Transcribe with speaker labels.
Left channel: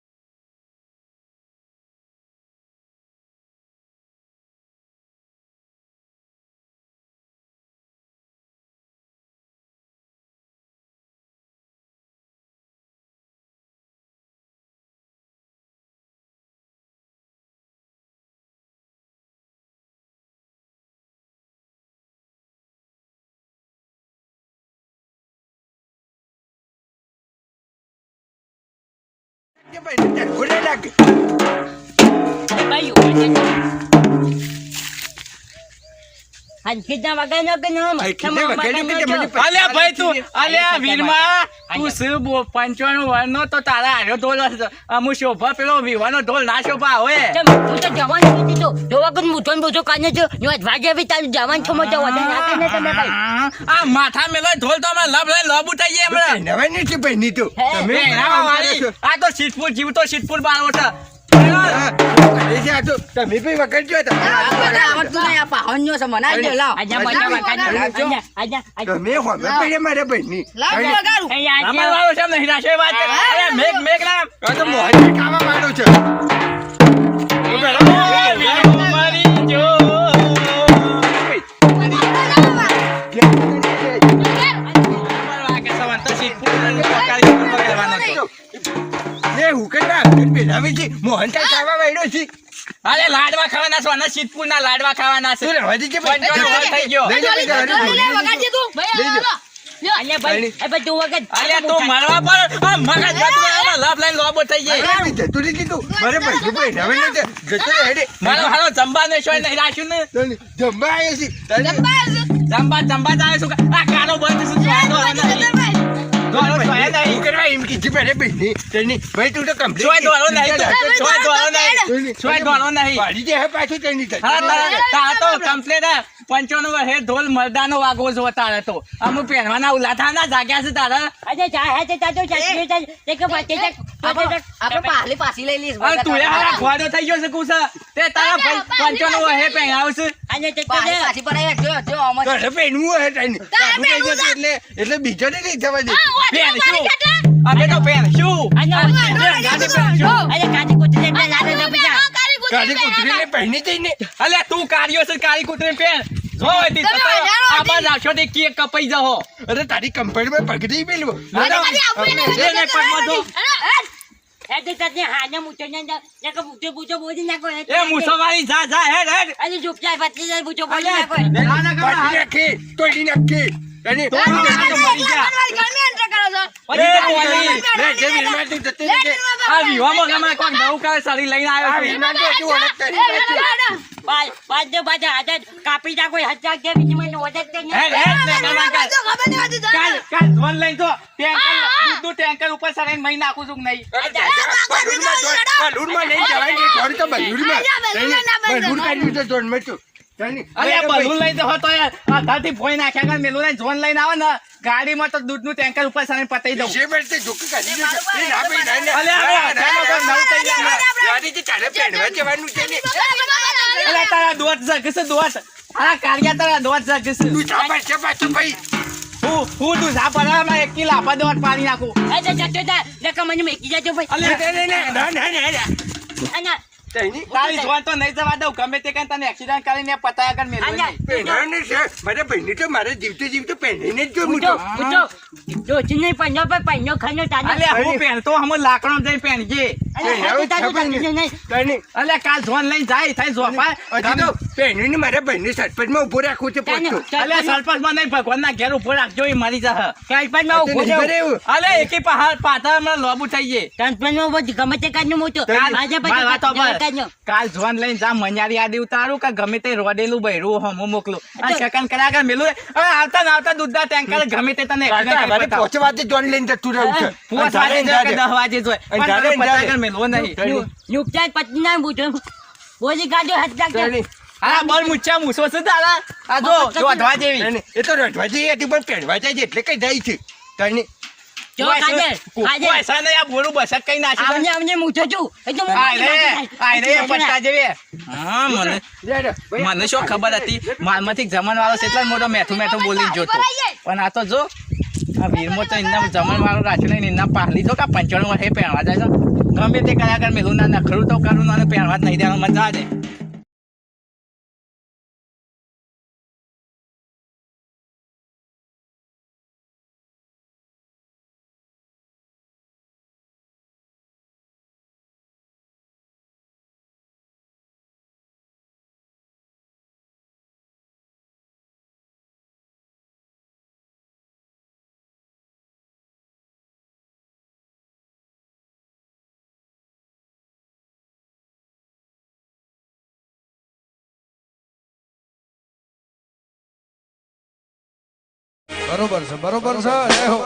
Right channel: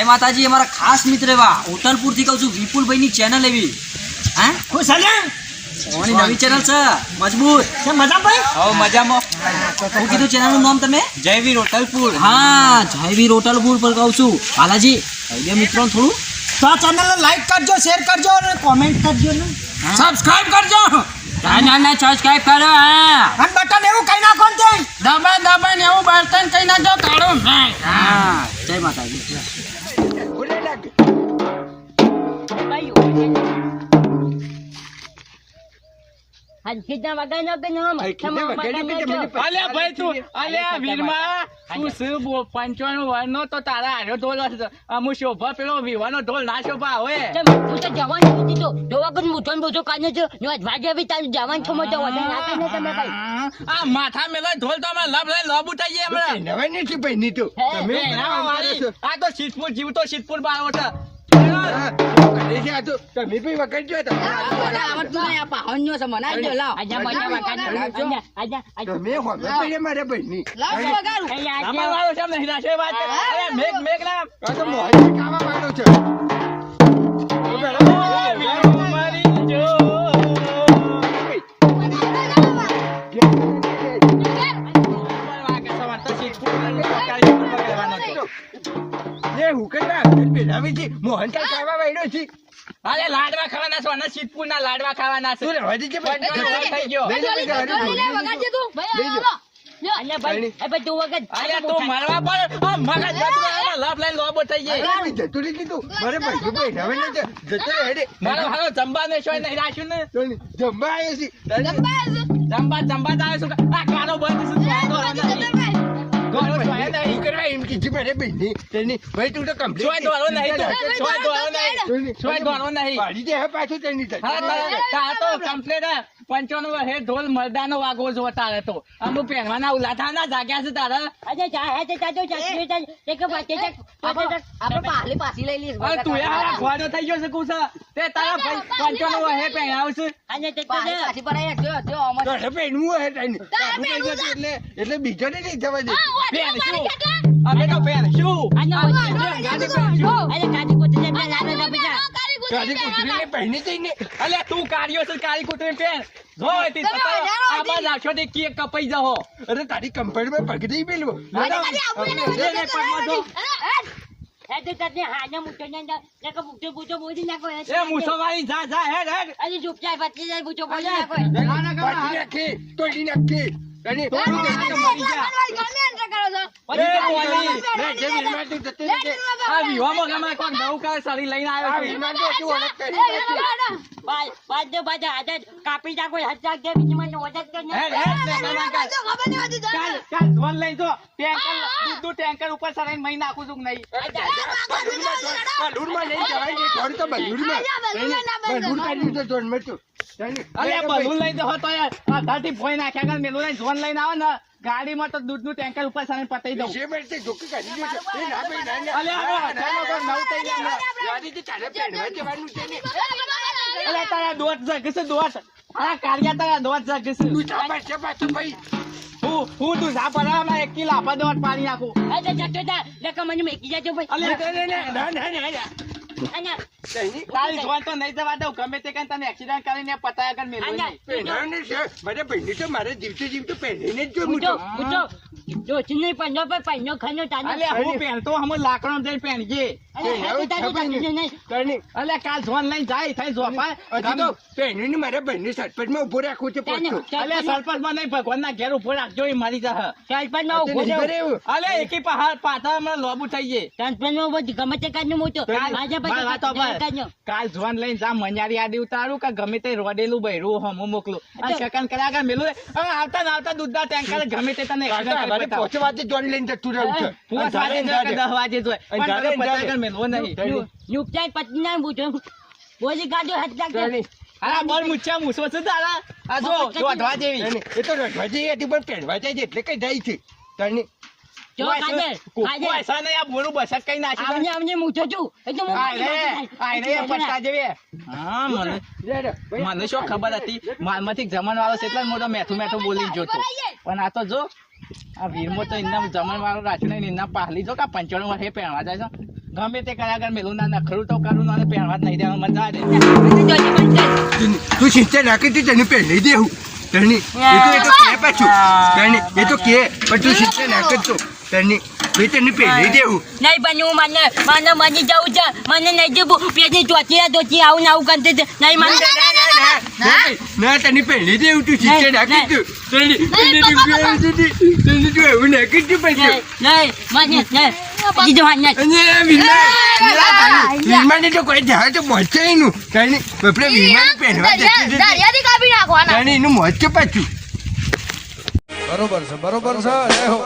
Speaker 1: માતાજી અમારા ખાસ મિત્ર એવા હોટલપુરથી કહું છું વિપુલભાઈ ની ચેનલ એવી. હા?
Speaker 2: ખુશ હલ્યા
Speaker 1: ઓની નવી ચેનલ છે મજબૂત.
Speaker 2: છે મજા ભાઈ
Speaker 3: હવે મજામાં.
Speaker 1: હું કીધું ચેનલનું નામ તમે?
Speaker 3: જયવીર હોટલપુર.
Speaker 1: હા જયવીર હોટલપુર પર કહું છું. બાલાજી કહી મિત્રો થોડું
Speaker 2: તો આ ચેનલને લાઈક કરજો શેર કરજો અને કોમેન્ટ કરજો ને. સબસ્ક્રાઇબ કરજો.
Speaker 1: ના ના સબસ્ક્રાઇબ કરો હા.
Speaker 2: અને બટન એવું કઈ નાખો ને
Speaker 1: દબાઈ દબાઈ એવું બર્તન કઈ નાખજો કાઢો હા જય માતાજી.
Speaker 3: અલ્યા ભાઈ તું અલ્યા વીરમાં તું શું બો- પંચાણું વર્ષનો તો તારા હારો ઢોલ અમુ શોભા પેલો વિવાનો ઢોલ ના શોભા હવે આ માથા મેલો ઢોલ તો લબ લઈ લોબ ઉઠાઈ જાય હમણાં. પહેરાવા વાળી. આ તો સિદ્ધપુર જીવતો સિદ્ધપુર બાળો છે. અમાર વાળો છે એમ નહીં રાશે વાત. અરે મેઘ મેઘ ના મારી અરે લાડવા ખાવાના છો અને સિદ્ધપુરના લાડવા ખાવાના છે પંચાણું વર્ષ થઈ ગયો અલ્યા તું મળવા પર આ મગજ જતું લાભ લઈને લોબો થઈ જાય ને રાખ્યું ને આવે શું આ કાનો બંધ શું આવે નહીં. હા, ઢોલ મરદાનો વાગવો જો તારે તો. અમુક પહેરવાના ઉલાથાના જાગ્યા છે તારે. અરે તું એ હારા ફોડો થઈ ગયો છે કુછ તે તારા ભાઈ પંચાણું વર્ષે પહેરાવશે
Speaker 4: એટલે બીજો ને નહીં થવા દે.
Speaker 3: પહેરશું અમે તો પહેરશું
Speaker 4: ગાડી કૂતરીને પહેરી જઈને
Speaker 3: અલે તું કાર્યો છે કાળી કૂતરી પહેર જો હતી તો તારા આવશો તે
Speaker 4: અરે તારી પેલું.
Speaker 3: હેડ હેડ અલ્યા, ના, ના, ના,
Speaker 4: પાડી
Speaker 3: ના.
Speaker 4: નાખી તોડી નાખી અને
Speaker 3: તો આ તો મરી ગયા. અરે, મોરી.
Speaker 4: મેં જે વીરમાંથી જતી રહી છે,
Speaker 3: આ વિવાહમાં ગમે કોણ નવું કાળ સાડી લઈને
Speaker 4: આ
Speaker 3: આવ્યો છે.
Speaker 4: જા હજુ ઓળખ કરી બીજી
Speaker 3: મહિને હેડ, ને ધોન લઈ જો, ટેન્કર, દૂધનું ટેન્કર ઉપર સડાઈને મહી નાખું છું નહીં?
Speaker 4: બલૂરમાં લઈને જવાય નહીં, જોડ તો બલૂરમાં. લઈને કાઢ્યું છે.
Speaker 3: અરે બલૂન લઈને જહો તો યાર આધારથી ભોંય નાખ્યા કરે મેલું લઈને ઝોન લઈને આવે ને ગાડીમાં તો દૂધનું ટેન્કર ઉપર સડાઈને પતાઈ દઉં
Speaker 4: જે બેલતે ઝોકી કાઢી દે છે. એ ના ભાઈ, ના, ના.
Speaker 3: અલે, અલે,
Speaker 4: ના, ના,
Speaker 3: ચાલો,
Speaker 4: ના,
Speaker 3: નવું થઈ જાય.
Speaker 4: ના. ગાડીથી ચાલે પહેરવા જવાનું છે ને.
Speaker 3: અલા તારા દોત જગશે દોત આ કાળિયા તારા દોત જગશે
Speaker 4: તું ભાઈ.
Speaker 3: હું હું તું જા એક કિલો પાણી નાખું. અલે
Speaker 4: ના, ના, ના, ના, ના, ના, ના. જાણી.
Speaker 3: તારી જોન તો નહીં જવા દઉં. ગમે તે કઈ તને એક્સિડન્ટ કરીને પતાયા કર મેલું નહીં.
Speaker 4: પહેરવાનું છે. મારા ભાઈને તો મારે જીવતે જીવતે પહેરીને જ જોવું તો.
Speaker 3: અલે હું પહેરતો હમ લાકડો જઈ પહેરજે. અલે કાલ જોન લઈને જાય થાય જોપા
Speaker 4: તો પહેરીને મારા ભાઈને સરપંચમાં ઊભો રાખવું છે પાછું.
Speaker 3: અલે સરપંચમાં નહીં ભગવાનના ઘેર ઊભો રાખજો એ મારી
Speaker 4: તને ખબર એવું?
Speaker 3: અલે એકી પાછા હમણાં લોબુ થઈ જાય મારી વાત સાંભળ. કાલ જોન લઈને જા મન્યારી આડી ઉતારું કે ગમે તે રોડેલું બૈરું હમ મોકલું અને સેકન્ડ કર્યા કર મેલું હવે આવતા ને આવતા દૂધના ટેન્કર ગમે તે તને
Speaker 4: વાગે જોન લઈને જતું રહ્યું છે.
Speaker 3: પોંચ વાગે
Speaker 4: અને
Speaker 3: કે દહ વાગે જોય. પણ તને કર મેલવો નહીં.
Speaker 4: જાણી. જાણી.
Speaker 3: હા બોલ મુચ્છા મૂછો છે તારા આ જો જો અઢવા જેવી.
Speaker 4: એ તો અઢવા જઈ હતી પણ પહેરવા જાય છે એટલે કઈ જાય છે. જાણી.
Speaker 3: પૈસા નહીં આ બોરું બસક કઈ નાખી દે. આય રે આય રે પટ્ટા જેવી. હા મને શું ખબર હતી? મારમાંથી જમણ વાળો છે એટલા જ મોટો મેઠું મેઠું બોલી જોતો. પણ આ તો જો આ વીરમો તો એમના જમણ વાળો રાખ્યો નહીં એમના પાહલી જો કા પંચાણું વર્ષે પહેરવા જાય છે. ગમે તે કલાકાર મેલું ના નખરું તો કરું ના અને પહેરવા જ નહીં દેવાનું મજા આવે.
Speaker 4: તું સિંચા નાખી તું તને પહેરી દેવું તેની એ તો એ તો કે પાછું. તેની એ તો કે પણ તું સિંચા નાખ તો. તને એ તને પહેરી દેવું
Speaker 5: નહીં બન્યું મને મને મરી જવું છે. મને નહીં જવું પેલી ચોથી ચોથી આવું ને આવું કરતી. નહીં મને
Speaker 4: ના, ના, ના, ના, ના, તને પહેરી દેવું તું સિંચા નાખી તું. તેની. તને તું એવું નાખી તું પછી.
Speaker 5: નહીં મને નહીં. દીધું હા નહીં
Speaker 4: અને વિમાન વિમાન તો કોઈ જહાજ તો પહોંચે એનું. તને આપણે વિમાન પહેરવા જતી.
Speaker 6: દરિયાથી કાપી નાખવાના.
Speaker 4: તને એનું મોચે પાછું.
Speaker 7: બરોબર છે બરોબર છે જય હો.